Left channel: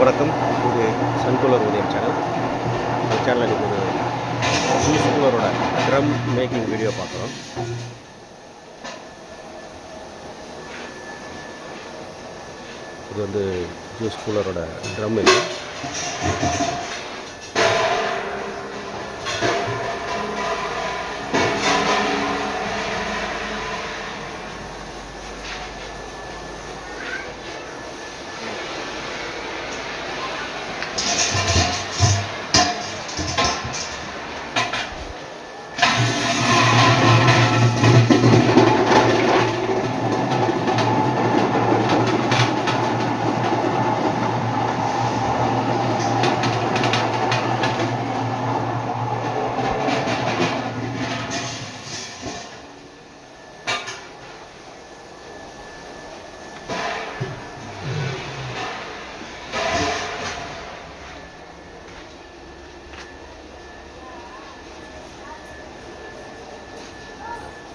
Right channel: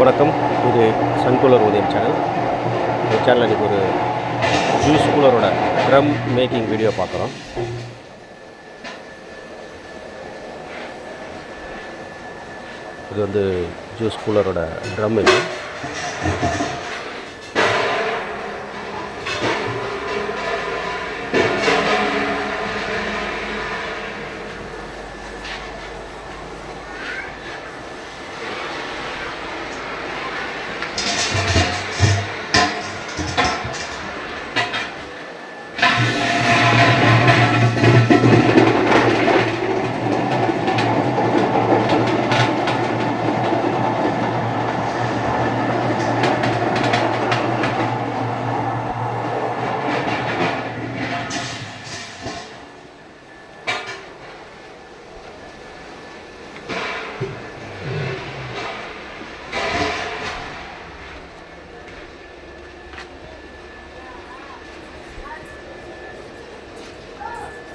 வணக்கம். இது Sun cooler உதயம் சேனல். இந்த சேனலில் இன்றைக்கி ஒரு ஜூஸ் கூலரோட ட்ரம் மேக்கிங் வீடியோ பார்க்குறோம். இது வந்து ஜூஸ் கூலரோட ட்ரம். இது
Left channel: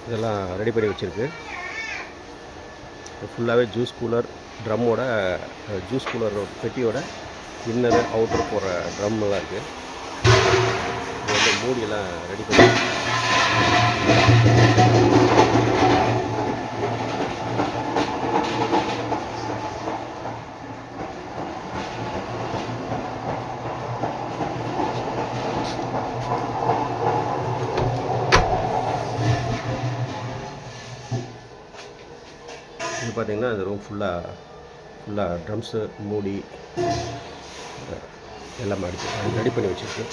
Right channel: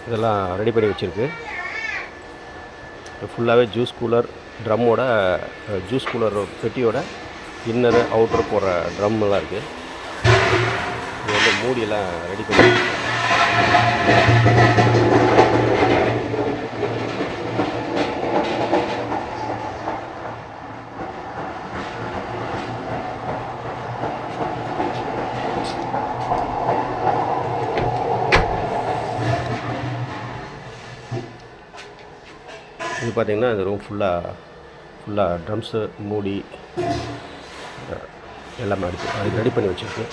இதெல்லாம் ரெடி பண்ணி வச்சுருக்கு. ஃபுல்லாகவே ஜூஸ் கூலர் ட்ரம்மோட ஜூஸ் கூலர் பெட்டியோட இன்னரு அவுட்டர் போகிற ட்ரம்மெல்லாம் இருக்குது. இது வந்து மூடியெல்லாம் ரெடி பண்ணி இது பார்த்திங்கன்னா இந்த ரூம் ஃபுல்லாக ட்ரம்ஸு மூடி எல்லாமே அது ரெடி பண்ணி வச்சுருக்கு.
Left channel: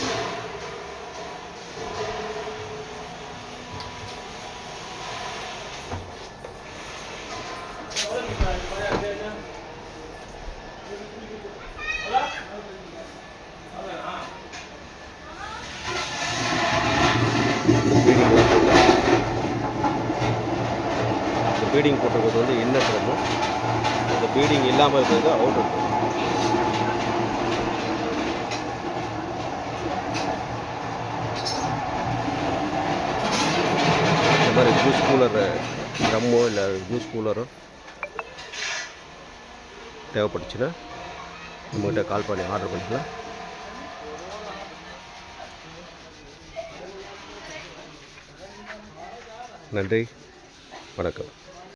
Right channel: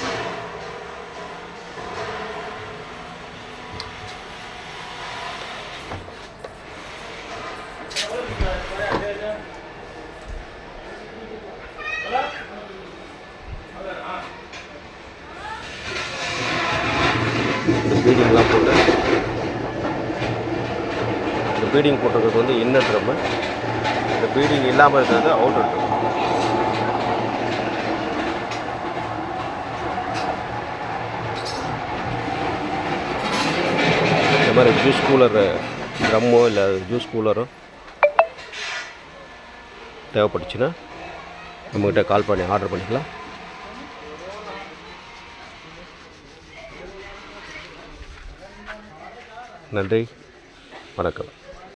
இந்த பீடிங்லாம் போட்டு இந்த பீடிங் போட்டிருக்கிறது வந்து இன்னர் ட்ரம்மு. இந்த பீடிங் இல்லாமல் இருக்கிறது அவுட்டர் ட்ரம். இந்த மாதிரி ஜூஸ் கூலர் ட்ரம்மோ இல்லை ஜூஸ் கூலரோ தேவைப்பட்டுச்சுன்னா நம்மகிட்ட கால் பண்ணி ஆர்டர் பண்ணிக்கலாம். நன்றி, வணக்கம்.